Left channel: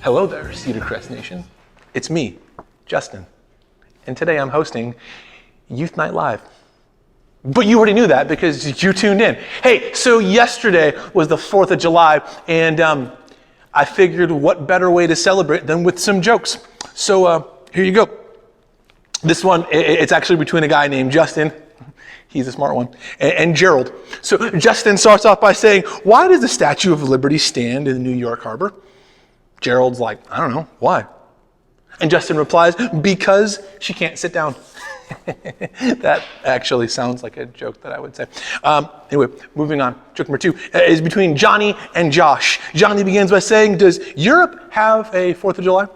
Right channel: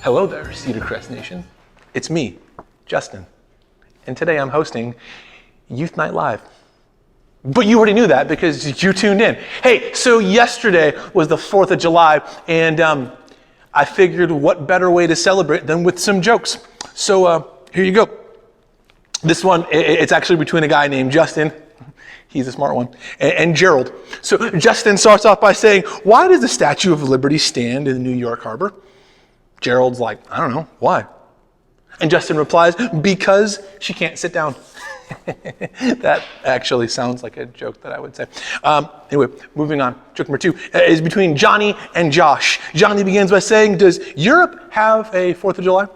Hello there, Cedarcrest Nation. It's me, Justin. And today I'm hosting Youth Night Live. But you already knew that because you tuned in. Hey, so yesterday was the 4th of July, and I figured what better way to celebrate than with some jokes. So here you go. This one, it's actually between a guy named Justin, he's a smart one, and Gerald. So Justin starts off by saying, "Why does the Statue of Liberty stand in the New York Harbor?" Gerald's like, "I don't know, why?" And Justin replies, "Because she can't sit down." That actually sounds like a joke that I would say. Anyway, moving on. Joke number 2 is between Johnny and Josh. Johnny begins by saying, "Does Europe have a 4th of July?"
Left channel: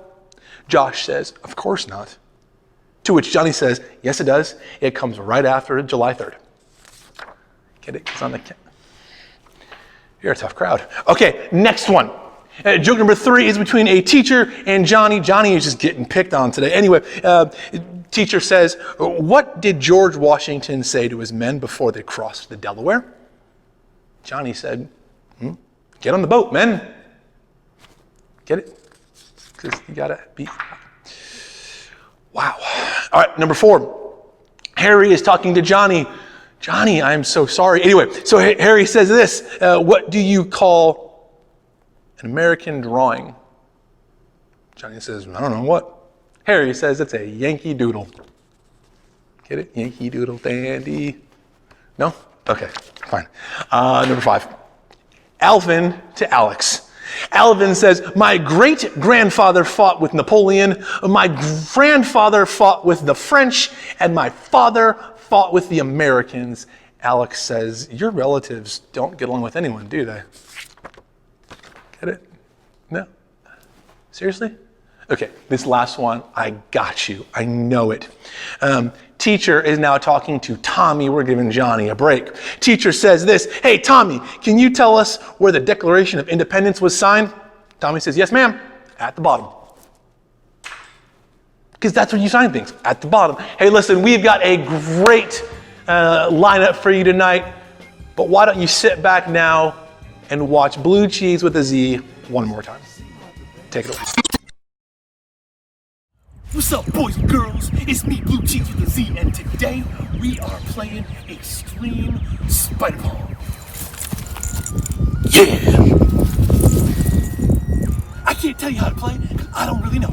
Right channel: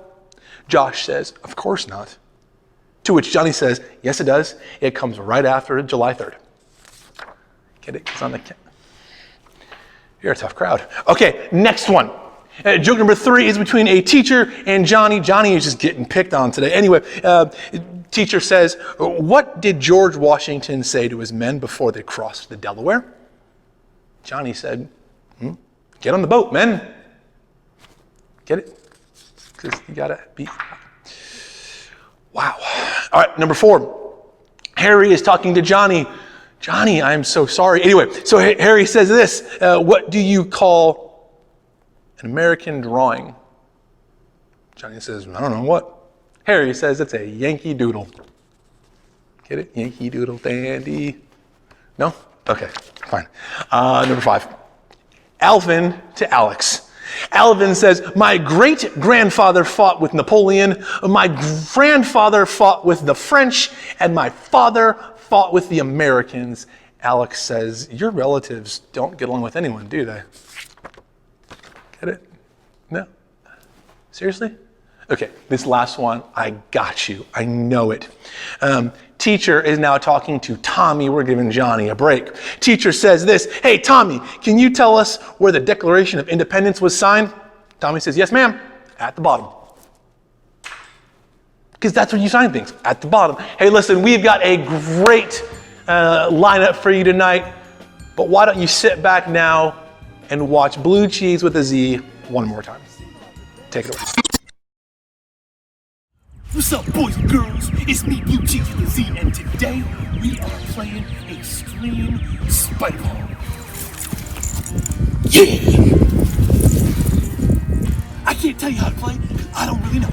Josh says, "Of course not." To which Johnny says, "Yes, it does. It comes right after July 3rd. Get it? It's on the... You're a tough crowd. Okay, next one. Joke number 3 is between a teacher and Johnny. Johnny is just getting picked on today. Anyway, teacher says, "What did George Washington say to his men before they crossed the Delaware?" Johnny said, "Get on the boat, men." Get it? Because you gotta be... Wow. All right, number 4. Harry is talking to Johnny. "Johnny, I'm so sorry." Anyway, so Harry says this, "What do you call an American drawing?" Johnny says, "I don't know, what?" Harry says, "It's a Yankee Doodle." Get it? Yankee Doodle dandy. No? Okay, fine. Number 5. Alvin to Alex. Alvin says, "My great-grandfather fought with Napoleon, my grandfather fought with the French, and my father fought with the Americans." Alex says, "Your relatives don't get along with anyone, do they?" Get it? No? Seriously? Okay, this last one, I got you. I know it. Teacher is now talking to Tommy. We're giving Johnny a break. Teacher says this, "Hey, Tommy, can you tell us where the Declaration of Independence was signed?" Tommy says, "Yes, ma'am, at the bottom." Because that's where you sign things, at the bottom. Hey, listen, we've got a great lineup for you tonight, but why don't you sit back now and watch Blue Cheese with a Z one more time. Take it away. What's up, boys and girls? It's me, Blue Cheese with a Z, and today we are playing Extreme Spider-Ball. Yeah! I can't tell you how to play, I don't really know.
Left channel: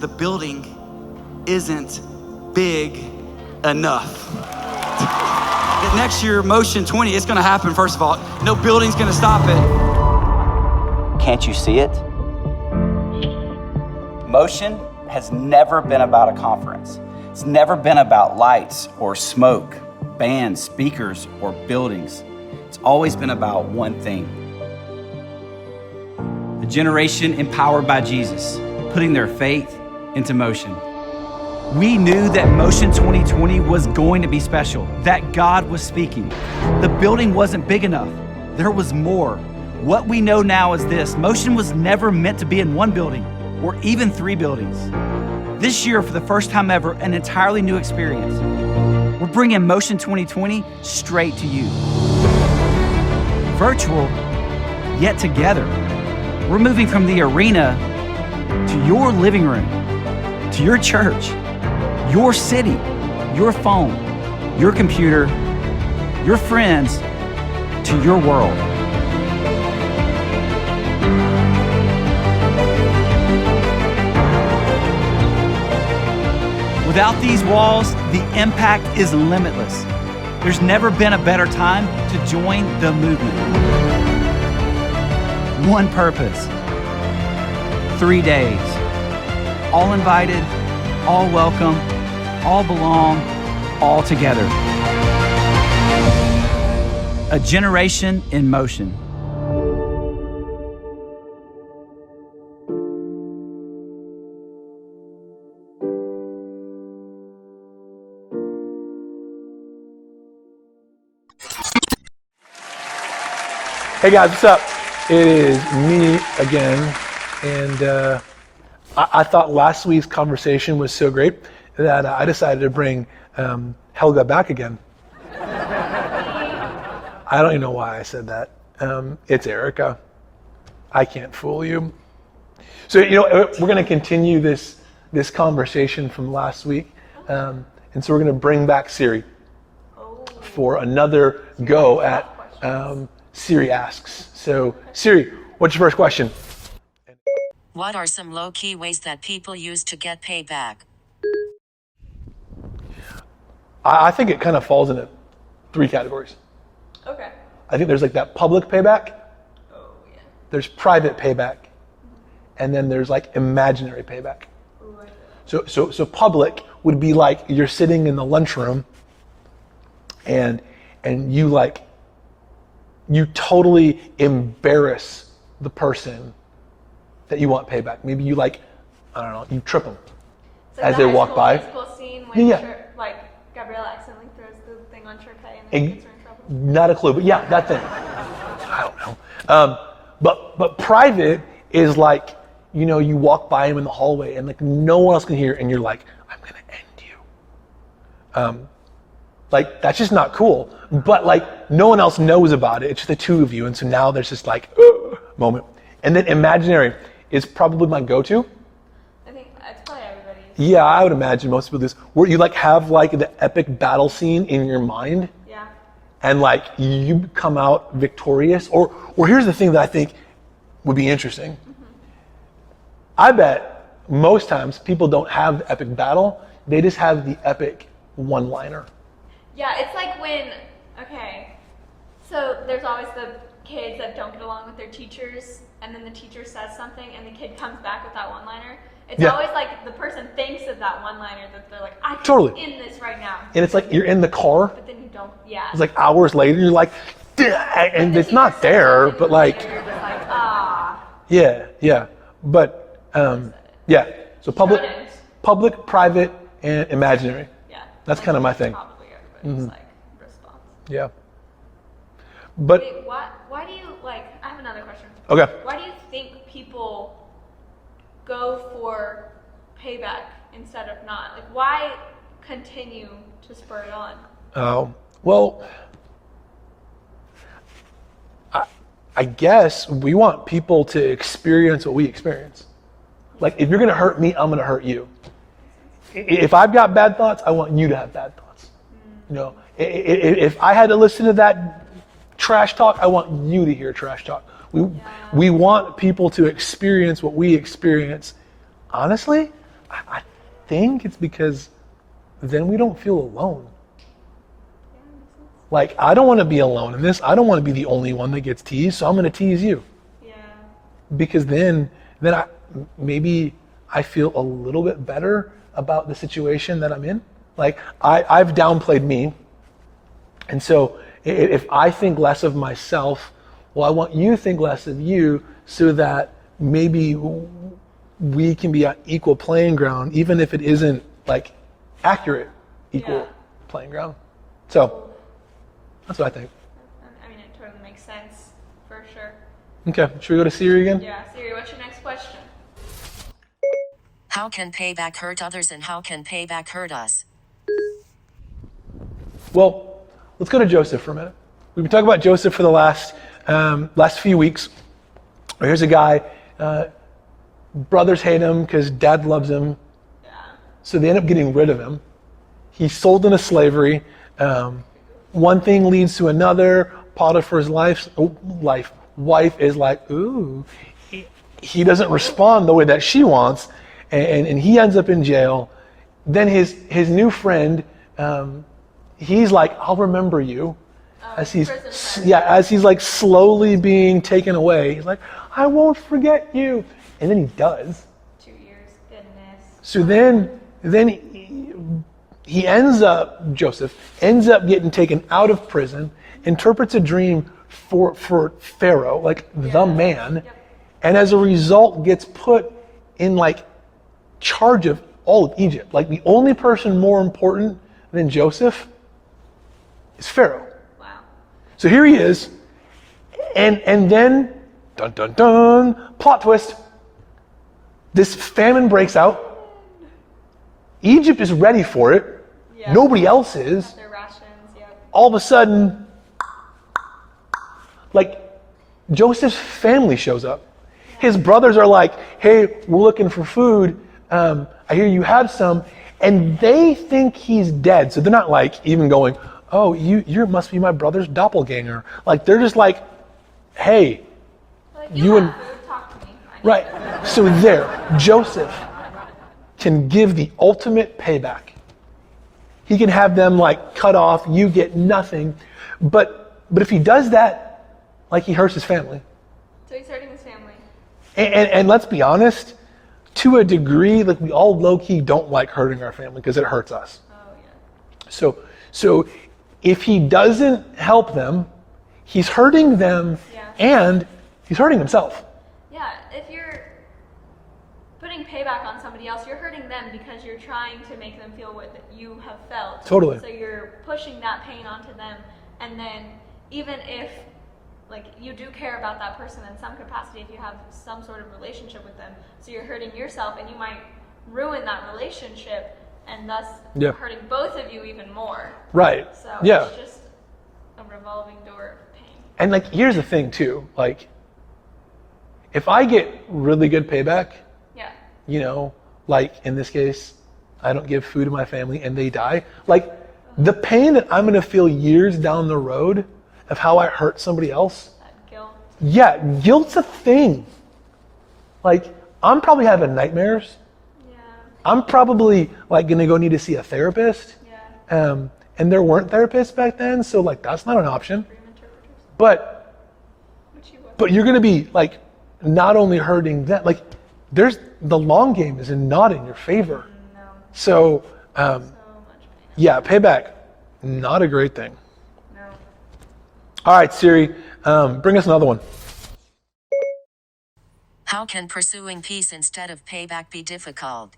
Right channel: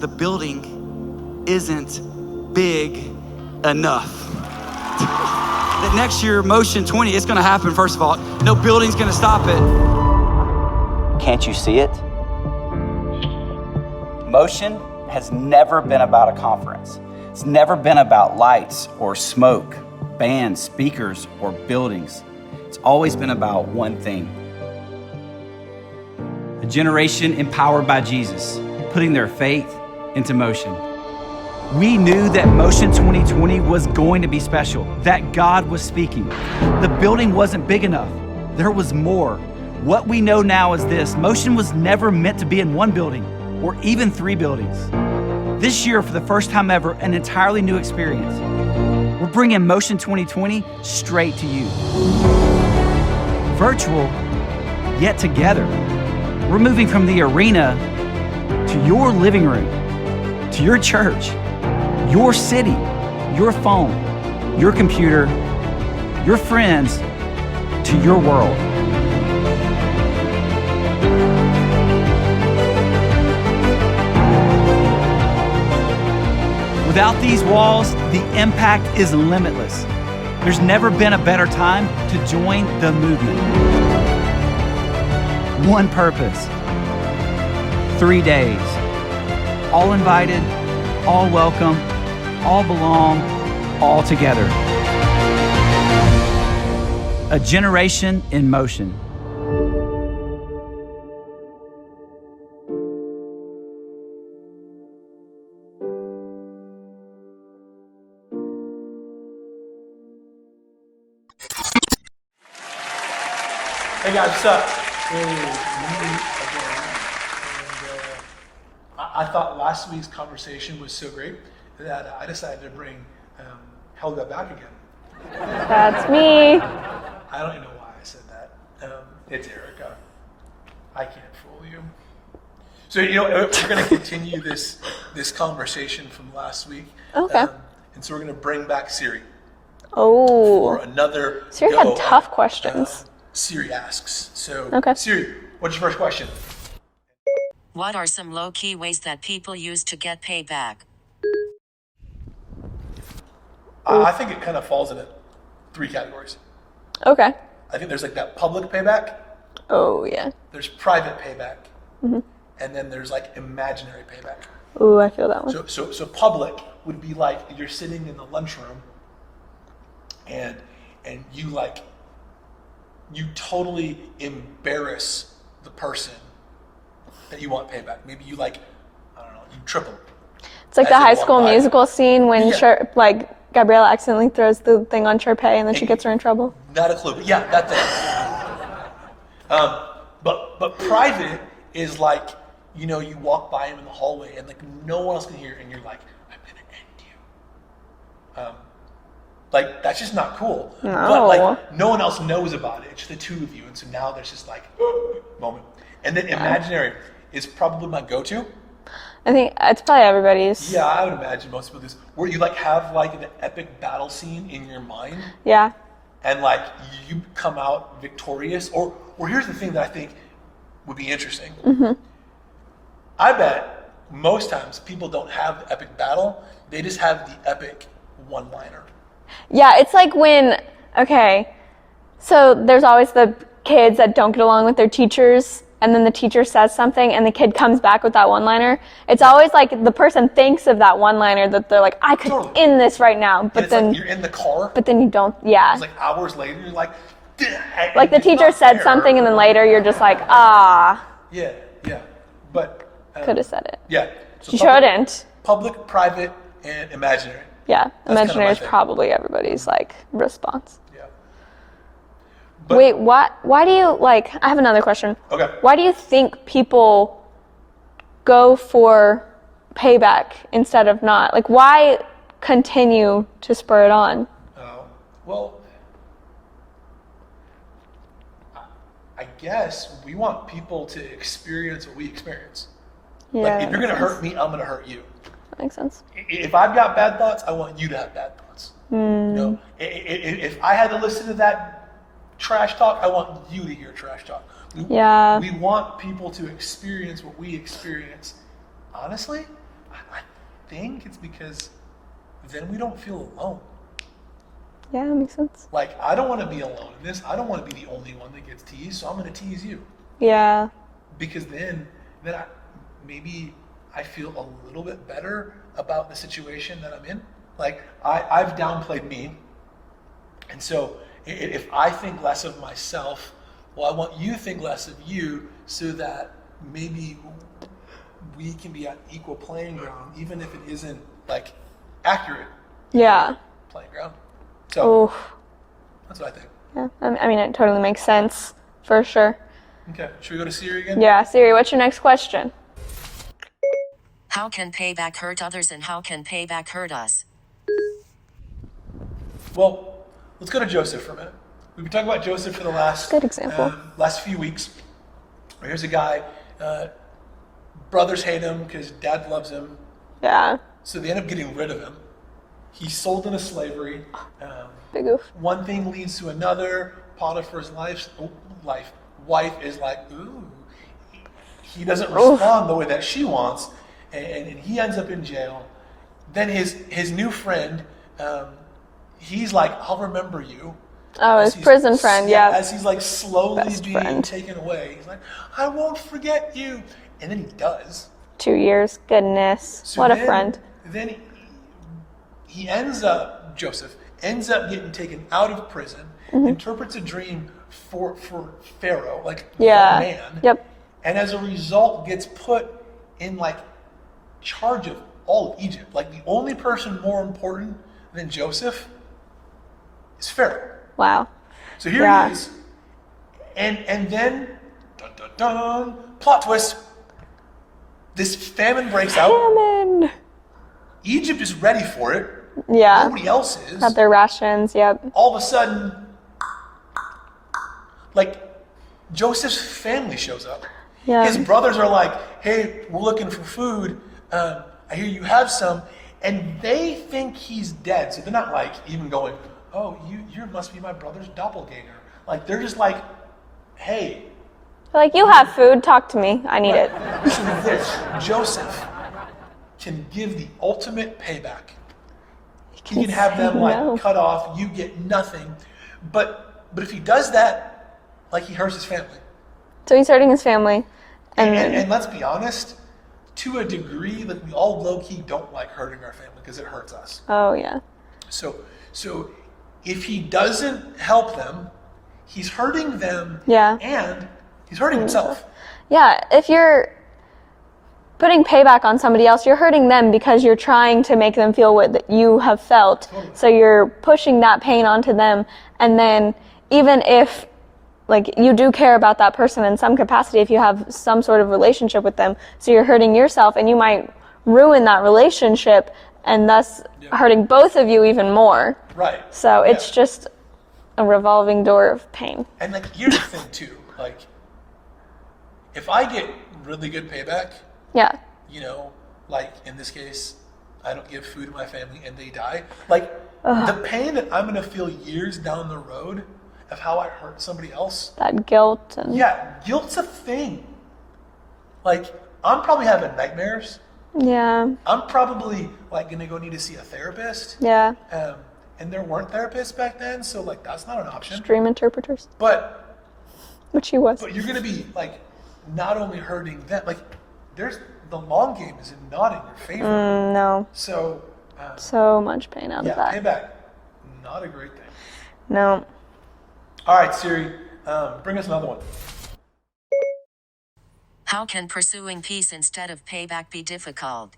The building isn't big enough. That next year, Motion 20, it's gonna happen, first of all. No building's gonna stop it. Can't you see it? Motion has never been about a conference. It's never been about lights or smoke, bands, speakers, or buildings. It's always been about one thing. A generation empowered by Jesus, putting their faith into motion. We knew that Motion 2020 was going to be special, that God was speaking. The building wasn't big enough. There was more. What we know now is this: Motion was never meant to be in one building or even 3 buildings. This year, for the first time ever, an entirely new experience. We're bringing Motion 2020 straight to you. Virtual, yet together. We're moving from the arena to your living room, to your church, your city, your phone, your computer, your friends, to your world. Without these walls, the impact is limitless. There's never been a better time to join the movement. One purpose, 3 days, all invited, all welcome, all belong, all together. A generation in motion. Hey guys, what's up? It is me again, and I thought last week's conversation was so great that I decided to bring Helga back again. That's me. I don't even know why I said that. It's Erica. I can't fool you. So, we're going to continue this conversation from last week. Okay. And so we're going to bring back Siri Oh. for another Siri go had tough at questions. Siri Asks. So, Okay. Siri, what's your first question? What are some low-key ways that people use to get payback? I think it kind of falls into 3 categories. Okay. I think there's like that public payback, Oh, yeah. there's private payback, and then there's like imaginary payback. Ooh, I feel that one. So public would be like you're sitting in the lunchroom and you totally embarrass the person that you want payback. Maybe you like, I don't know, you trip them. It's like as the they High walk School by. Musical scene when Yeah. Gabriella accidentally throws the thing on Sharpay and then she gets her in trouble. Not a clue, but yeah, that thing. I don't know. But private is like, you know, you walk by him in the hallway and like no one else can hear, and you're like, I'm gonna end you. Like that's just not cool. No. But like no one else knows about it. It's just the two of you, and so now there's this like moment. And then imaginary is probably my go-to. I think it's probably everybody's. Yeah, I would imagine most people do this, where you like have like the epic battle scene in your mind. Yeah. And like you come out victorious, or here's the thing that I think would be interesting. Mm-hmm. I bet most times people don't have the epic battle, they just have the epic one-liner. Yeah, it's like when, okay, so there's always the kids that don't get along with their teachers, and then the teacher says something and the kid comes back with that one-liner. It's always like the person thinks of that one-liner that they're like, I could end this right now. But And it's then, like you're in the car. But then you don't, yeah. It's like hours later, you're like, like the teacher said something and then later you're just like, ah. Yeah. But Could have said it. Yeah. So You shouldn't. Public, private, and imaginary. Yeah, That's kind of imaginary my is thing. probably everybody's like response. Yeah. But, Wait, why do you, like, I have another question. Okay. Why do you think people go for payback instead of not? Like, why continue to spur it on? Well, I guess we want people to experience what we experience. Yeah, Like, if you're going to hurt me, I'm going to hurt you. that makes sense. If I've got bad thoughts, I want you to have bad thoughts. You know, if I had to listen to that trash talk, I want you to hear trash talk. We want people to experience what we experience. Honestly, I think it's because then we don't feel alone. Yeah, that makes sense. Like, I don't want to be alone in this. I don't want to be the only one that gets teased, so I'm going to tease you. Yeah. Because then maybe I feel a little bit better about the situation that I'm in. Like, I've downplayed me. And so if I think less of myself, well, I want you to think less of you so that maybe we can be on equal playing ground, even if it isn't like accurate equal playing ground. So that's what I think. Yeah, I mean, it totally makes sense for sure. Okay, should we go to Siri again? Yeah, Siri, what's your next question? How can payback hurt others and how can payback hurt us? Well, let's go to Joseph for a minute. We've been talking about Joseph for the last few weeks. Here's a guy, brothers hate him because dad loves him. Yeah. So they end up getting rid of him. He's sold into slavery. Big oof. One thing leads to another. Potiphar's wife is like, ooh. He doesn't respond the way that she wants, and he ends up in jail. Then his new friend, he's like, I'll remember you. Oh, his prison friend, yeah. As he's like slowly Best being friend. taken away. He's like, I won't forget you. And then he does. 2 years, goodness. So what a friend. Then Joseph ends up getting taken out of prison, interprets a dream for Pharaoh, like the man. Yep. And as a result gets put in like charge of all of Egypt. Like the only person more important than Joseph is Pharaoh. Wow. So here he is. And then, dun dun dun, plot twist. This famine breaks out. Famine. Egypt is ready for it. Yeah. Nobody else is. Got their rations, yep. All of a sudden, like, Joseph's family shows up. Yeah. His brothers are like, hey, we're looking for food. I hear you have some. And they think he's dead. So they're not like even going, oh, you must be my brother's doppelganger. Like, they're just like, hey. Like, you have food, talk to me. I need it. So there, Joseph can give the ultimate payback. He can have them like cut off, you get nothing. But if he does that, like, he hurts his family. So he's hurting his family. And let's be honest, to a degree, like, we all low-key don't like hurting our family because it hurts us. Oh, yeah. So if he doesn't help them, he's hurting them and he's hurting himself. Yeah, if you're putting payback on somebody else, you're hurting them because you're trying to make them feel what you have felt. Totally. So you're pushing that pain onto them, and then even if like you do care about that person in some capacity, if you have some sort of relationship with them, so you're hurting yourself, and you might ruin that relationship and thus hurting both of you even more. Right. So it's just a revolving door of pain. And like, here's the thing too, like, if I get really good payback, Yeah. you know, like in this case, I don't give food to my family and they die, like the pain that I'm going to feel years down the road of how I hurt somebody else. That guilt. And Guilt's a thing. Like, I'm probably having nightmares. Yeah. I'm probably like going to go need to see a therapist. Yeah. And there weren't therapists back then, so like that's not an option. Dream interpreters. But Which he was. But you're going to be like not only hurting that, like there's the long game is not in your favor. No. So So much pain out yeah, of that. payback, not a great thing. No. All right, Siri, bring us another one. How can pursuing peace instead of payback be difficult?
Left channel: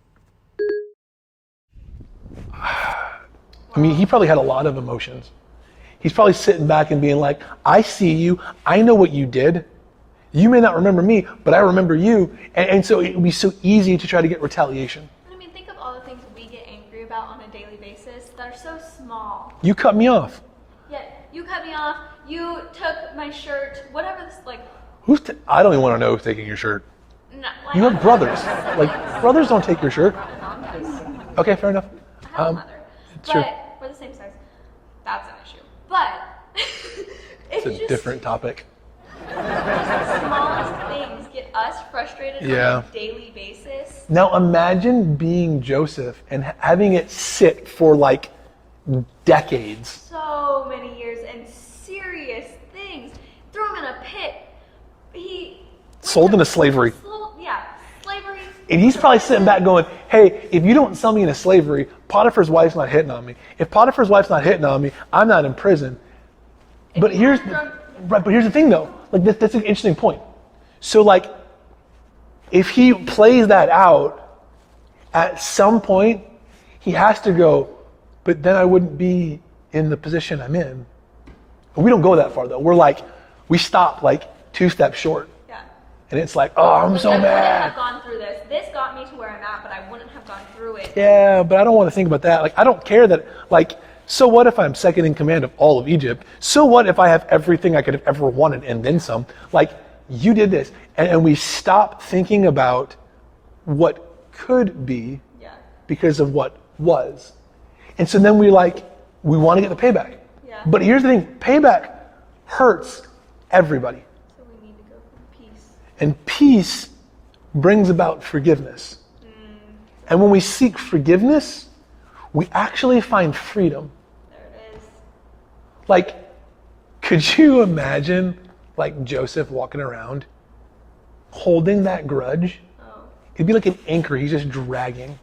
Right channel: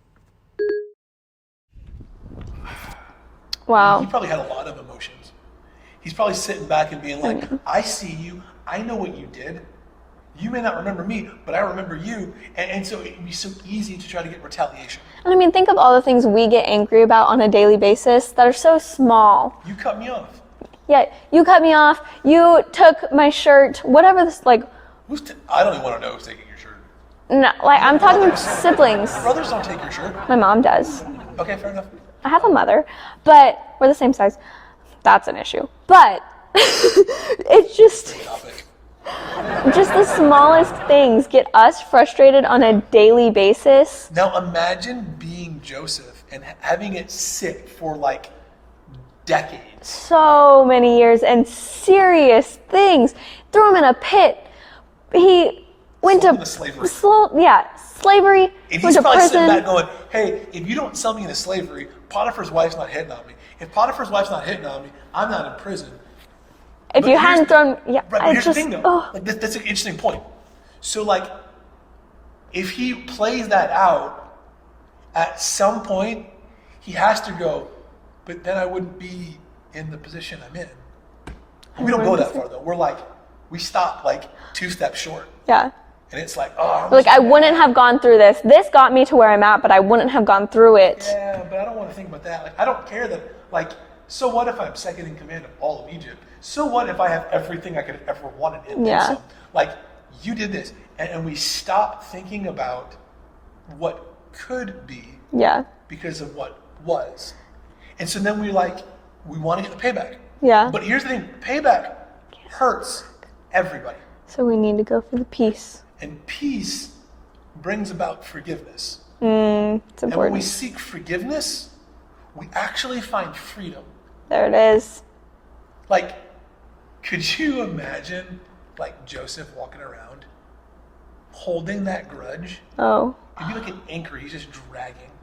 Wow. I mean, he probably had a lot of emotions. He's probably sitting back and being like, I see you. I know what you did. You may not remember me, but I remember you. And so it would be so easy to try to get retaliation. And I mean, think of all the things we get angry about on a daily basis that are so small. You cut me off. Yeah, you cut me off. You took my shirt. Whatever this, like, I don't even want to know who's taking your shirt. no, like You have I'm talking brothers. siblings. Like, brothers don't take your shirt. My mom does. Okay, fair enough. I have a mother, but we're the same size. That's an issue. But it's It's a just different topic. the smallest things get us frustrated on Yeah. a daily basis. Now imagine being Joseph and having it sit for like decades. So many years and serious things. Threw him in a pit. He went Sold to into slavery. Slavery. And went he's to probably prison. sitting back going, hey, if you don't sell me into slavery, Potiphar's wife's not hitting on me. If Potiphar's wife's not hitting on me, I'm not in prison. If But you here's- hadn't thrown, Right, but here's the thing though. Like that's an interesting point. So like, if he plays that out, at some point, he has to go, but then I wouldn't be in the position I'm in. We don't go that far though. We're like, we stop like 2 steps short. Yeah. And it's like, oh, I'm Like, so I mad. wouldn't have gone through this. This got me to where I'm at, but I wouldn't have gone through it. Yeah, but I don't want to think about that. Like, I don't care that, like, so what if I'm second in command of all of Egypt? So what if I have everything I could have ever wanted and then Yeah. some? Like, you did this. And we stop thinking about what could be Yeah. because of what was. And so then we want to get the payback. Yeah. But here's the thing, payback hurts everybody. So we need to go for the peace. And peace brings about forgiveness. And when we seek forgiveness, we actually find freedom. There it is. Like, could you imagine, like, Joseph walking around holding that grudge? Oh. It'd be like an anchor he's just dragging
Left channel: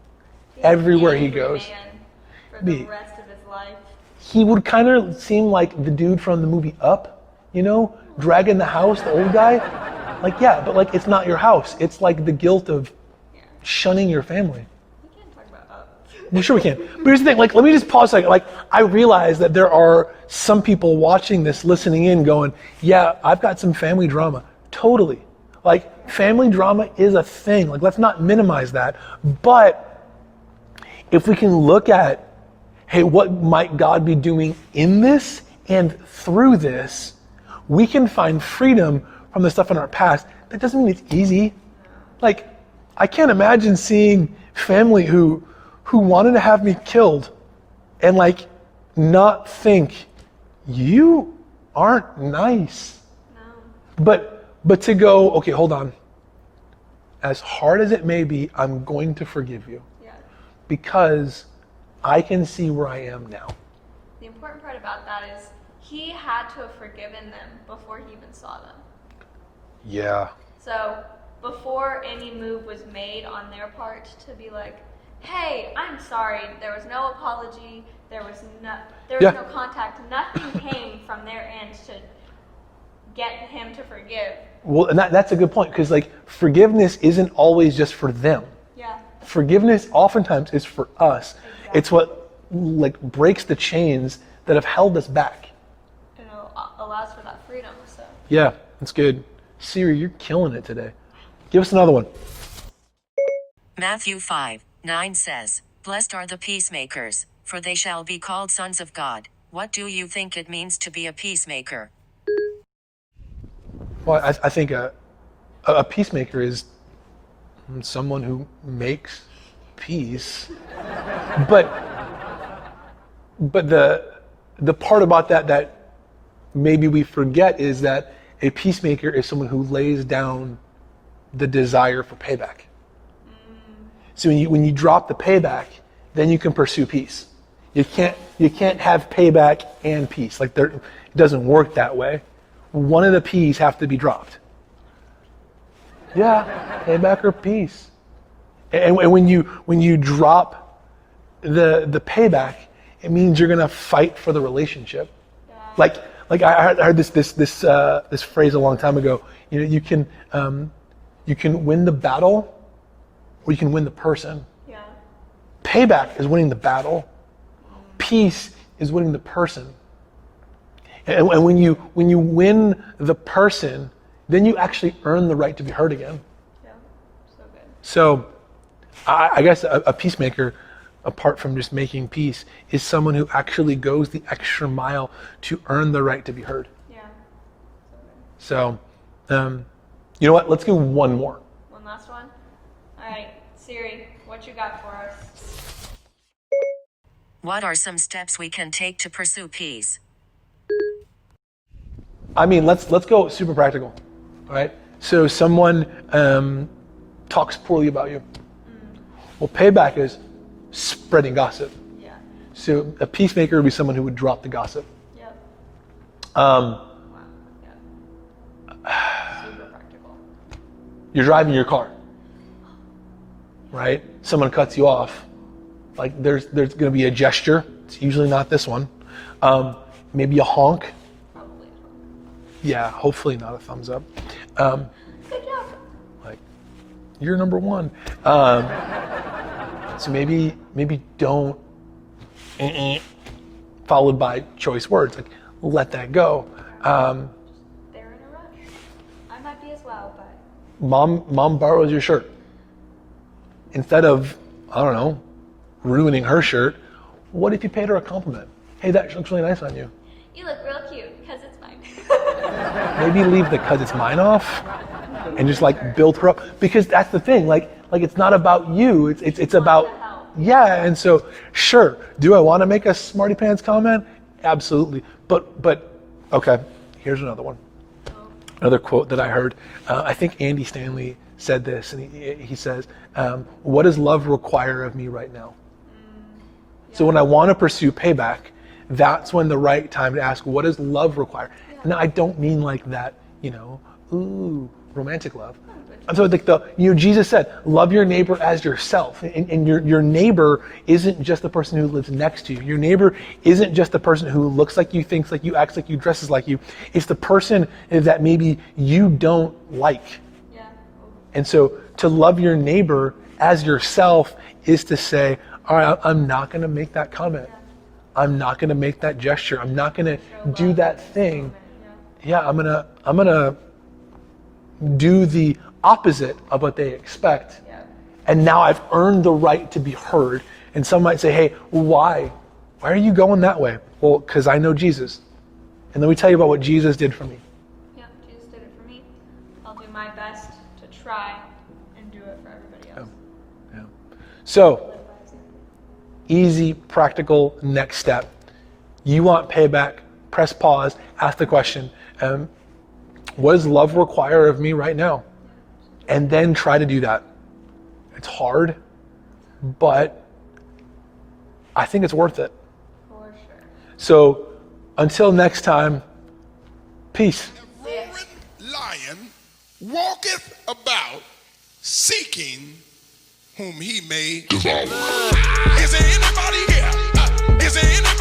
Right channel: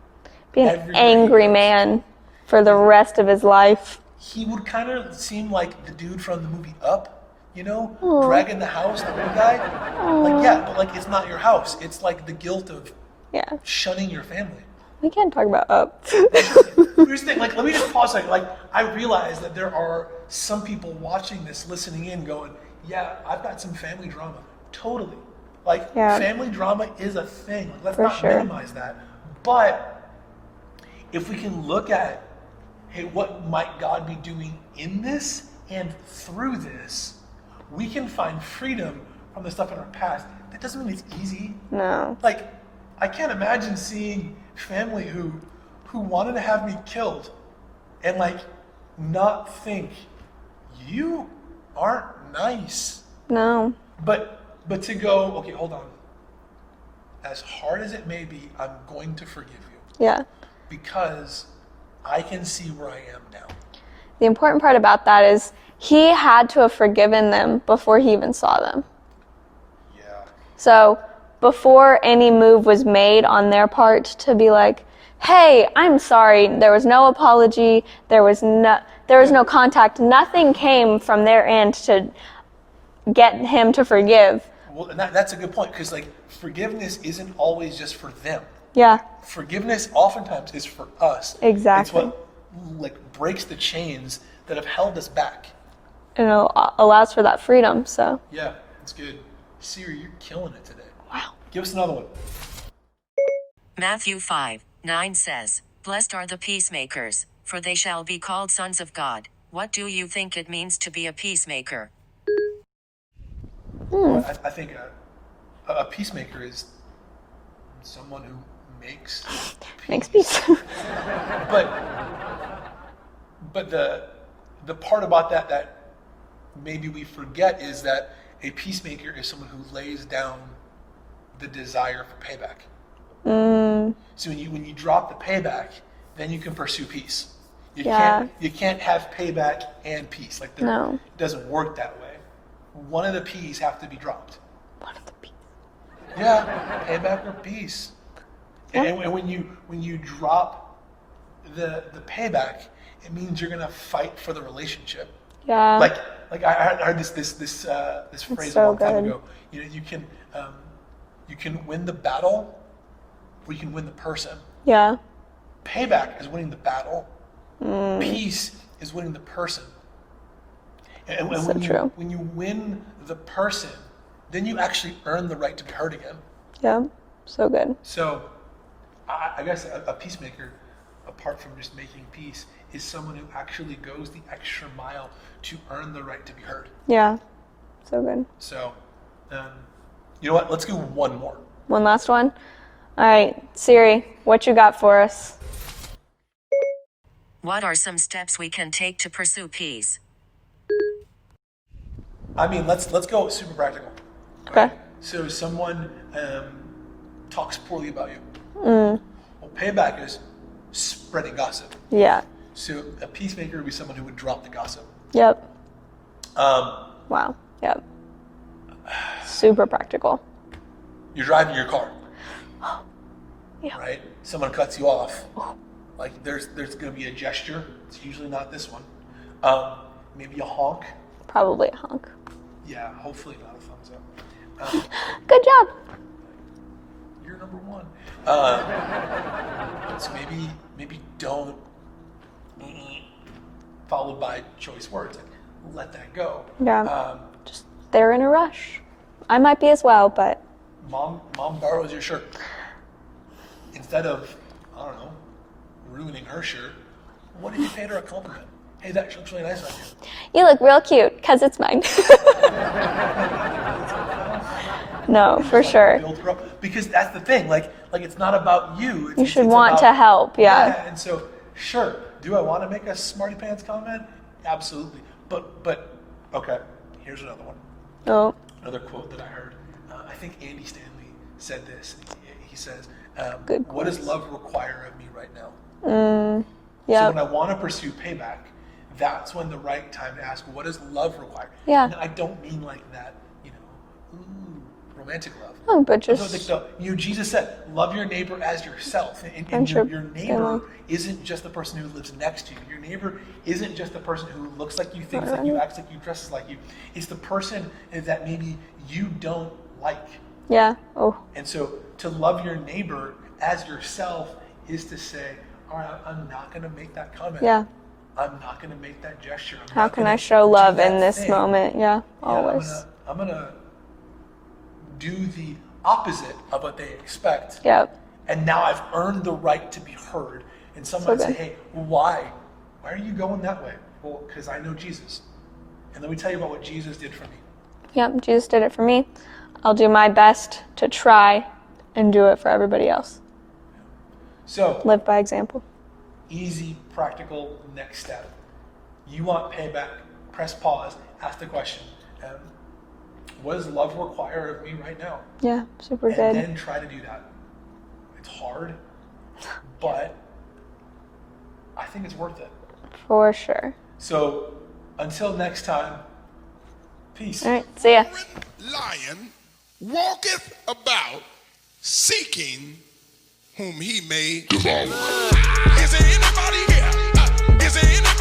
Be an everywhere he angry goes. man for the rest of his life. He would kind of seem like the dude from the movie Up, you know, dragging the house, the old guy. Like, yeah, but like, it's not your house. It's like the guilt of Yeah. shunning your family. We can't talk about up. Yeah, sure we can. But here's the thing, like, let me just pause a second. Like, I realize that there are some people watching this, listening in, going, yeah, I've got some family drama. Totally. Like, Yeah. family drama is a thing. Like, let's not sure. minimize that. But if we can look at, hey, what might God be doing in this and through this, we can find freedom from the stuff in our past. That doesn't mean it's easy. No. Like, I can't imagine seeing family who wanted to have me killed and like not think you aren't nice. No. But to go, okay, hold on. As hard as it may be, I'm going to forgive you Yeah. because I can see where I am now. The important part about that is he had to have forgiven them before he even saw them. Yeah. So before any move was made on their part to be like, hey, I'm sorry, there was no apology, there was no contact, nothing came from their end to get him to forgive. Well, and that's a good point, because like forgiveness isn't always just for them. Yeah. Forgiveness oftentimes is for us. Exactly. It's what like breaks the chains that have held us back. And it allows for that freedom, so. Yeah, that's good. Siri, you're killing it today. Wow. Give us another one. Matthew 5:9 says, "Blessed are the peacemakers, for they shall be called sons of God." What do you think it means to be a peacemaker? Well, I think a peacemaker is someone who makes peace. but the part about that maybe we forget is that a peacemaker is someone who lays down the desire for payback. So when you drop the payback, then you can pursue peace. You can't have payback and peace. Like it doesn't work that way. One of the P's have to be dropped. One of the P's. Yeah, payback or peace. And when you drop the payback, it means you're gonna fight for the relationship. Yeah. Like I heard this phrase a long time ago. You know, you can win the battle, or you can win the person. Yeah. Payback is winning the battle. Peace is winning the person. And when you win the person, then you actually earn the right to be heard again. Yeah. So good. So I guess a peacemaker, apart from just making peace, is someone who actually goes the extra mile to earn the right to be heard. Yeah. So good. So, you know what? Let's do one more. One last one. All right, Siri, what you got for us? What are some steps we can take to pursue peace? I mean, let's go super practical. Okay. Right? So someone talks poorly about you. Well, payback is spreading gossip. Yeah. So a peacemaker would be someone who would drop the gossip. Yep. Wow. Yep. Super practical. You're driving your car, Yeah. right? Someone cuts you off. Like there's going to be a gesture. It's usually not this one. Maybe a honk. Probably a honk. Yeah, hopefully not a thumbs up. Good job. Like, you're number one. So maybe don't followed by choice words. Like let that go. Yeah. Just they're in a rush. I might be as well, but Mom borrows your shirt. Instead of, I don't know, ruining her shirt, what if you paid her a compliment? Hey, that looks really nice on you. you look real cute because it's mine. Maybe leave the "cause it's mine" off No, and just for like sure. build her up, because that's the thing. Like it's not about you. It's You should it's want about to help. Yeah. And so sure, do I want to make a smarty pants comment? Absolutely. But okay, here's another one. Oh. Another quote that I heard. I think Andy Stanley said this, and he says, "What does love require of me right now?" Yeah. So when I want to pursue payback, that's when the right time to ask, what does love require? Yeah. Now, I don't mean like that, romantic love. Oh, but just So like Jesus said, love your neighbor as yourself. And your neighbor isn't just the person who lives next to you. Your neighbor isn't just the person who looks like you, thinks like you, acts like you, dresses like you. It's the person that maybe you don't like. Yeah. Oh. And so to love your neighbor as yourself is to say, all right, I'm not going to make that comment. Yeah. I'm not going to make that gesture. I'm How not can going I to show do love that in this thing. moment? Yeah. Yeah, Always. I'm gonna do the opposite of what they expect. Yep. And now I've earned the right to be heard. And some might say, hey, why? Why are you going that way? Well, because I know Jesus. And let me tell you about what Jesus did for me. Yep. Jesus did it for me. I'll do my best to try and do it for everybody else. Yeah. So Live by example. easy, practical next step. You want payback, press pause, ask the question, what does love require of me right now? Yeah. Super And good. then try to do that. It's hard, but I think it's worth it. For sure. So until next time, peace. All right. See ya. Lion walketh about seeking whom he may devour. Is there anybody here? Is there anybody?